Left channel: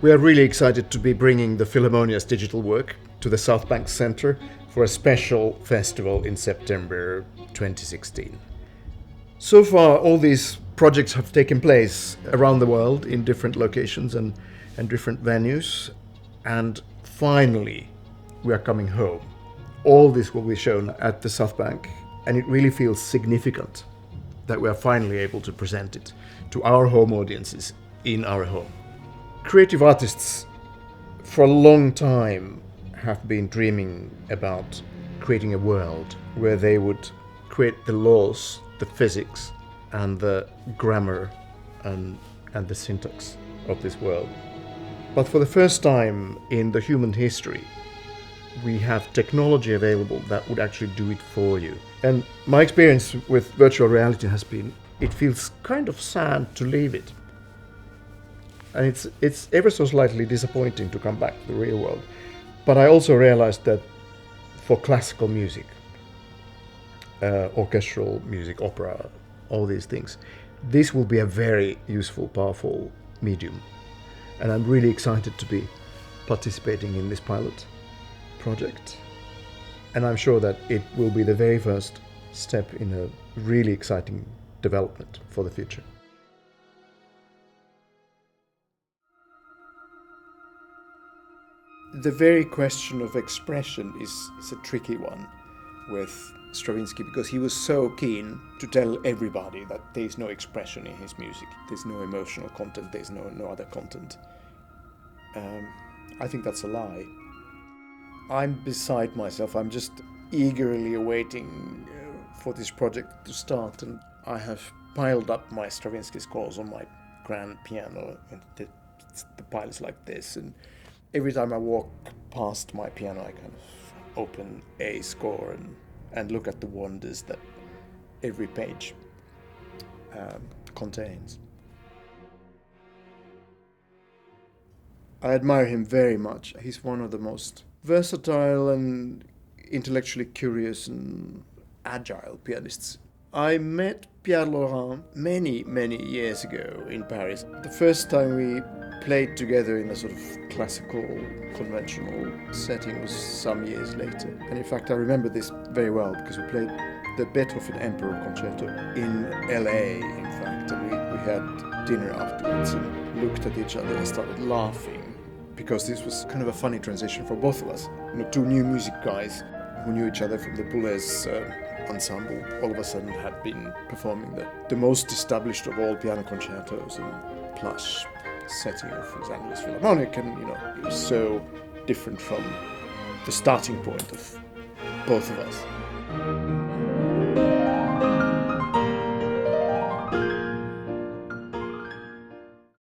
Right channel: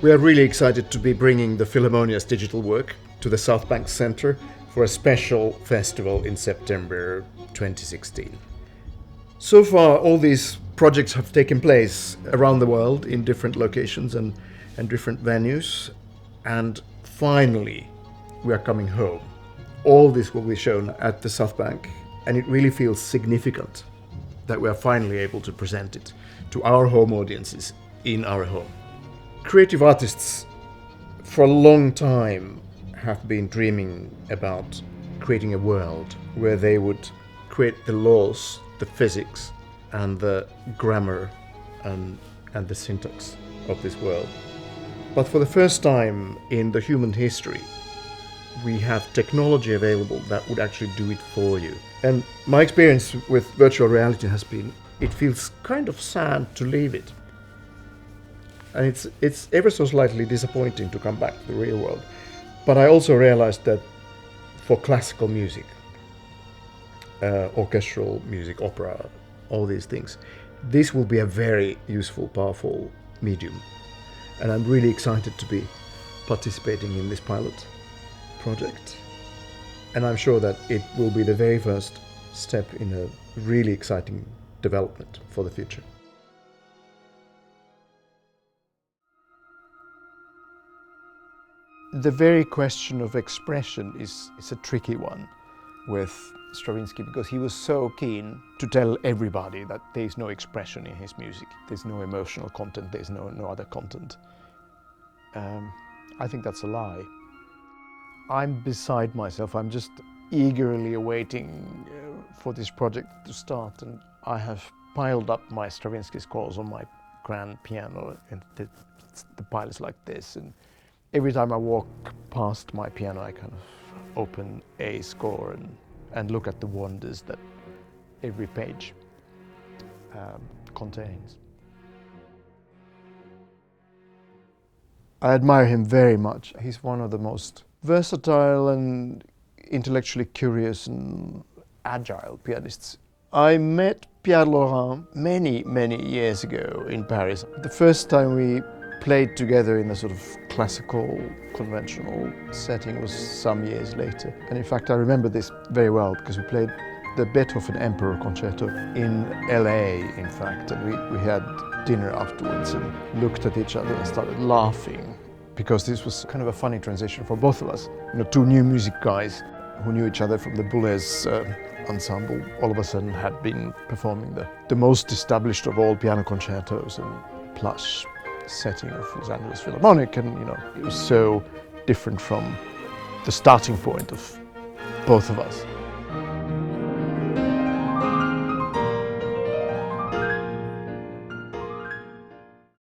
We are really excited to be bringing the Philharmonia's digital work to the South Bank Center for a special festival in September 2016. So far, all these projects have taken place around the world in different locations and different venues. And finally, we are coming home. All this will be shown at the South Bank, and it really feels significant that we are finally able to present it to our home audiences in our home. Creative artists for a long time have been dreaming about creating a world where they would create the laws, the physics, and the grammar and the syntax of this world. But for the first time in the human history, we have technology available that would actually do it for you. And my experience with virtual reality has been, it feels kind of sad to leave it. And it's ever so slightly disappointing to come back to the real world. But I also realized that for classical music, orchestral music, opera, all these things, this will be a very useful, powerful medium. And I'm really excited to be participating in this pilot project. And I'm sure that it will be the very first step in a really exciting development for the future. The very question of expression is a tricky one with Stravinsky, because he was so keen to tell everybody that there's no expression in his music, there's no emotional content, there's no other content. I think that's a lie. I'm beside myself, I'm just eagerly awaiting for this project to start, and I have piled up my Stravinsky scores on my grand piano, and the pile is like this, and every time I walk past my piano, I kind of open a score and look at the wonders that every page contains. I admire him very much. He's one of the most versatile and intellectually curious and agile pianists. I met Pierre Laurent many years ago in Paris. The first time we played together in a sort of classical, conventional setting was some years later. And in fact, I remember this very well because we played the Beethoven Emperor Concerto in LA, in fact. And we had dinner afterwards and looked at each other and started laughing because this was kind of a funny transition for both of us. You know, two new music guys who knew each other from the Boulez ensemble all of a sudden had been performing the most established of all piano concertos in plush setting of Los Angeles Philharmonic, and you know, it was so different from the starting point of both of us.